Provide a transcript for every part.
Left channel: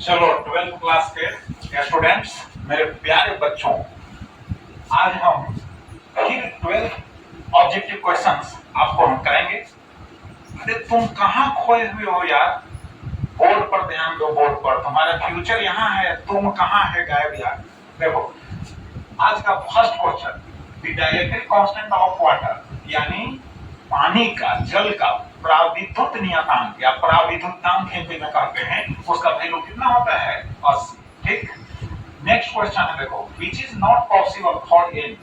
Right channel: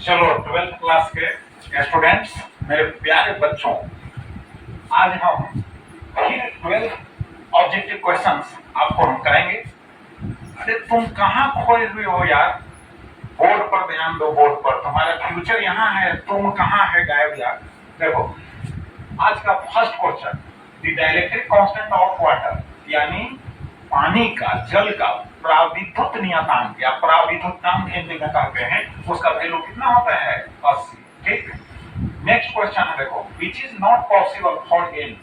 चलो 12th class के students, मेरे प्यारे बच्चों, आज हम फिर 12 ऑब्जेक्टिव क्वेश्चंस आपको हम कराएंगे। अरे तुम कहाँ खोए हुए हो यार? बोर्ड पर ध्यान दो, बोर्ड पर। तुम्हारा फ्यूचर यहाँ है, तुम कहाँ है गायब यार? देखो आज का first question, the dielectric constant of water, यानी पानी का, जल का प्राविद्युत नियतांक या प्राविद्युतांक हिंदी में कहते हैं, उसका वैल्यू कितना होता है? 80। ठीक। नेक्स्ट क्वेश्चन है, देखो which is not possible for n.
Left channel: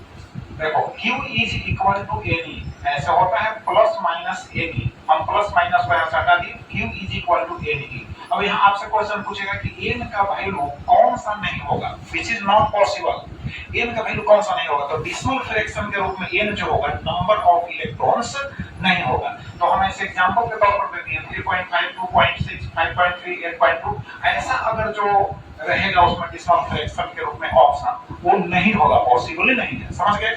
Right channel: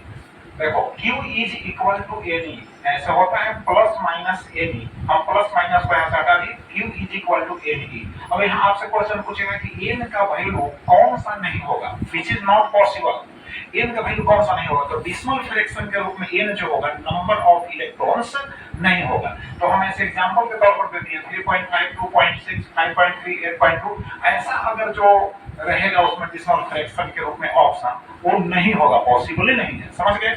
देखो Q is equal to n, ऐसा होता है प्लस माइनस एन। हम प्लस माइनस को यहां से हटा दिए, Q is equal to n. अब यहाँ आपसे क्वेश्चन पूछेगा कि एन का वैल्यू कौन सा नहीं होगा? Which is not possible, n का वैल्यू कौन सा नहीं होगा? तो डेसिमल फ्रैक्शन के रूप में एन जो होगा, नंबर ऑफ इलेक्ट्रॉन्स नहीं होगा। तो हम ऐसे एग्जांपल के तौर पर दे दिए 3.5, 2.6, 5.3, 8.2। ऐसा अगर जो रहेगा उसमें डेसिमल फ्रैक्शन के रूप में ऑप्शन, वो नहीं होगा, पॉसिबल ही नहीं है। समझ गए?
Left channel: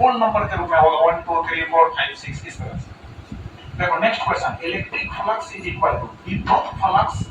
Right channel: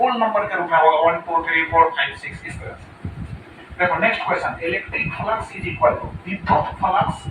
होल नंबर के रूप में होगा 1 2 3 4 5 6 इस तरह से। देखो next question, electric flux is equal to विद्युत फ्लक्स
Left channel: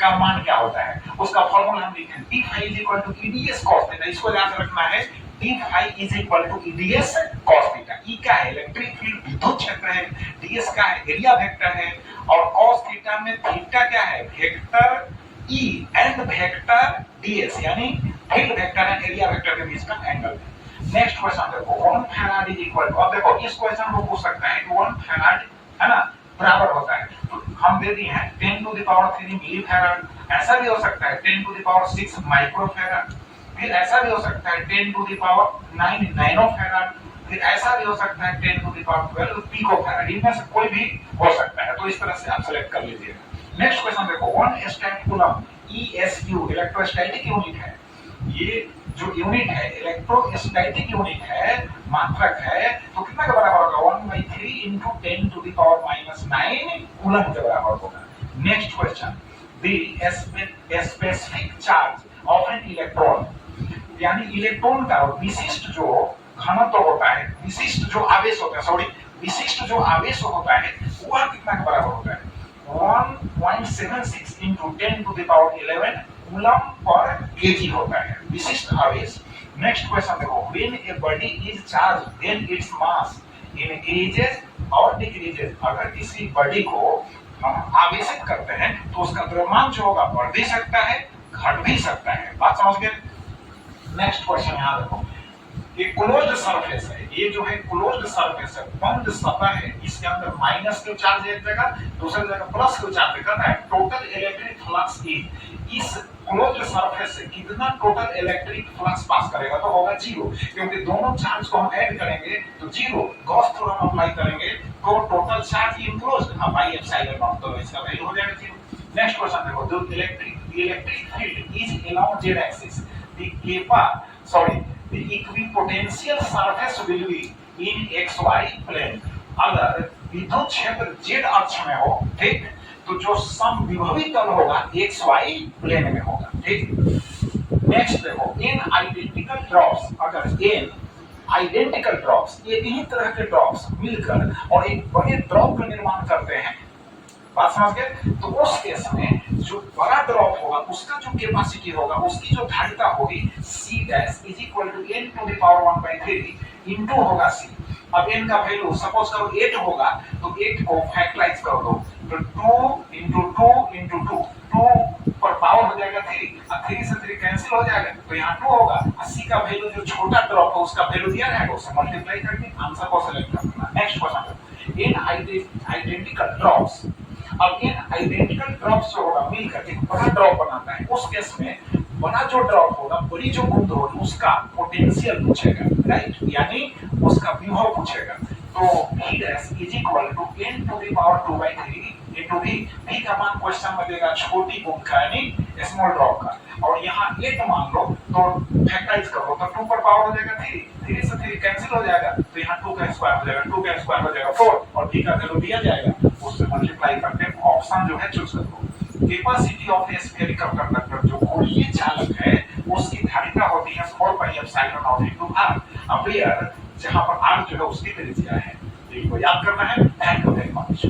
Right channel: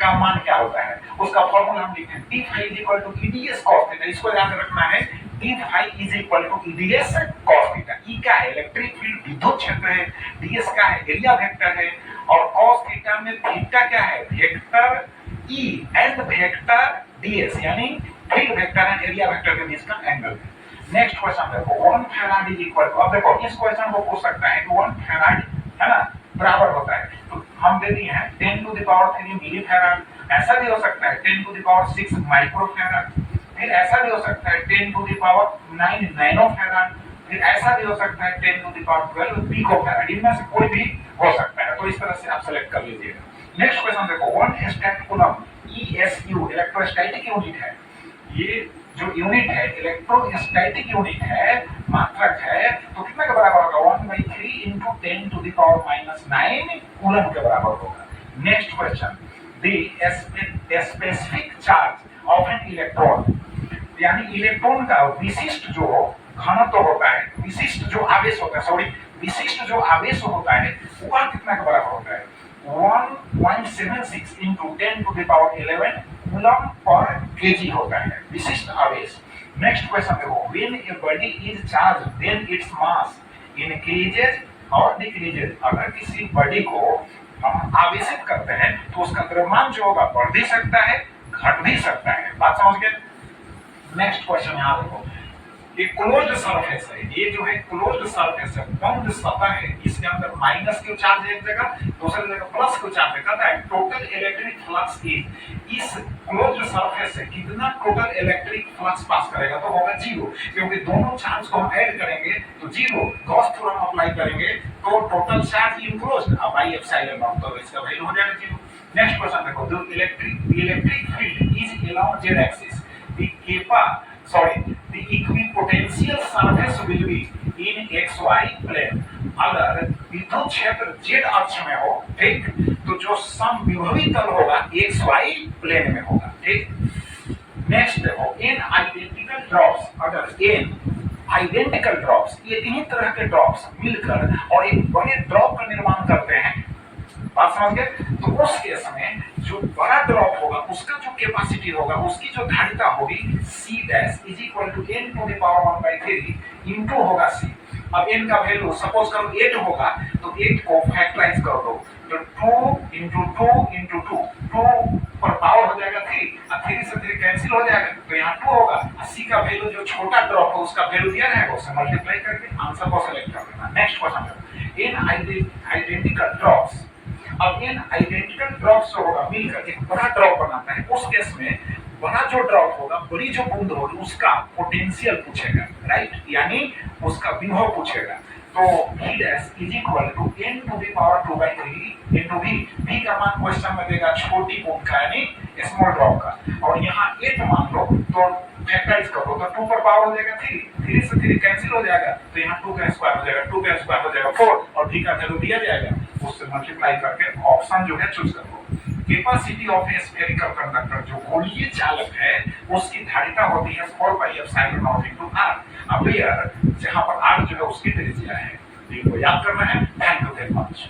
का मान क्या होता है? उसका फॉर्मूला हम लिखें, d phi is equal to EDS cos theta. इसको याद रखना है, d phi is equal to EDS cos theta. E का है इलेक्ट्रिक फील्ड, विद्युत क्षेत्र है, ds का है एरिया वेक्टर है, और cos थीटा में थीटा क्या है? Vector E and vector ds, यानी field vector and area vector के बीच का एंगल है। नेक्स्ट क्वेश्चन देखो, 1 फैराड इज इक्वल टू, अब देखो इस क्वेश्चन को पूछ सकता है कि 1 फैराड है ना बराबर होता है, तो हम दे दिए हैं 10 to the power 3 milli farad. ऐसा भी हो सकता है 10 to the power 6 micro farad, फिर ऐसा भी हो सकता है 10 to the power 9 nano farad, फिर ऐसा भी हो सकता है 10 to the power 12 pico farad. इनमें से कोई भी हो सकता है, तो इस तरह से आप सेलेक्ट कर लीजिएगा। नेक्स्ट क्वेश्चन देखो, 1 static coulomb ESU electrostatic unit है। ये जो यूनिट है इलेक्ट्रोस्टैटिक यूनिट है, मात्रक है, तो कितना के बराबर होगा? 1/3 into 10 to the power -9 coulomb के बराबर होगा। Next question, the specific charge of an electron, यानी इलेक्ट्रॉन का विशिष्ट जो घनत्व होता है, विशिष्ट जो आवेश होता है, सॉरी विशिष्ट जो आवेश होता है, वह कितना के बराबर होता है? 1.76 into 10 to the power 11 coulomb पर केजी होता है विशिष्ट आवेश। नेक्स्ट क्वेश्चन देखो, when a body is charge then it's mass increases और डिक्रीजेस। अगर किसी बॉडी को हम आवेशित करते हैं तो उसका द्रव्यमान जो होगा बढ़ भी सकता है, घट भी सकता है। बात समझ गए? नेक्स्ट क्वेश्चन यहाँ देखो, एक क्लोज्ड सरफेस है, ये जो है क्लोज्ड सरफेस है, बंद सतह है, इसके अंदर माइनस क्यू चार्ज एक जगह, दूसरी जगह प्लस क्यू चार्ज कहता है टोटल इलेक्ट्रिक फ्लक्स इस क्लोज्ड सरफेस से कितना टोटल इलेक्ट्रिक फ्लक्स पास करेगा? तो होगा 0, क्योंकि दोनों चार्ज को हम ऐड करेंगे तो 0, गॉस थ्योरम अप्लाई करेंगे तो टोटल चार्ज इनक्लोज्ड अब बाय एप्सिलॉन नॉट, तो इसका वैल्यू हो जाएगा 0। नेक्स्ट क्वेश्चन देखो, the electric field is along z axis, the equipotential surface will be in xy plane। अगर विद्युत क्षेत्र z अक्ष में हो, ठीक, तो जो समविभवी तल होगा xy प्लेन में होगा। ठीक। नेक्स्ट देखो, n आइडेंटिकल ड्रॉप्स, अगर n आइडेंटिकल ड्रॉप्स, एक ही तरह के ड्रॉप्स मिलकर और एक बड़े ड्रॉप का निर्माण करते हैं, बात समझ गए? तो उस केस में जो बड़ा ड्रॉप होगा उसका जो कैपेसिटी होगा, उसकी जो धारिता होगी C dash is equal to n to the power 1/3 into होगा C। अब n का वैल्यू सपोज करो 8 होगा, तो 8 को फैक्टराइज कर दो, तो 2 into 2 into 2, 2 पर पावर हो जाएगा 3, और 3 से 3 कैंसिल हो जाएगा, तो यहाँ 2 होगा। C का वैल्यू जो छोटा ड्रॉप है उसका वैल्यू दिया जाएगा, उससे मल्टीप्लाई करके आंसर को सेलेक्ट कर लेना। Next question, n identical drops, अब इन आइडेंटिकल ड्रॉप्स जो होगा मिलकर एक बड़ा ड्रॉप बनाता है। उस केस में बड़ा जो ड्रॉप होगा, बड़ी जो बूंद होगी, उसका पोटेंशियल पूछेगा, राइट, यानी उसका विभव पूछेगा। तो V dash is equal to n to the power 2/3 into V। V का मान क्वेश्चन में देगा छोटी बूंद का, यानी स्मॉल ड्रॉप का, और यहाँ 8 मान लो तो फैक्टराइज करो तो 2 पर पावर हो जाएगा 3, 3 से 3 कैंसिल हो जाएगा, तो यहाँ 2 का स्क्वायर हो जाएगा, 2 का स्क्वायर हो जाएगा 4, और V का वैल्यू दिया जाएगा, उससे मल्टीप्लाई करके ऑप्शन जो है चूज करो। Capacity of A spherical conductor, जो गोलीय चालक है, उसकी धारिता होती है 4πε0 into r। अब यार जहां पर r जो है उसकी त्रिज्या है, इनको याद करना है। Thank you very much.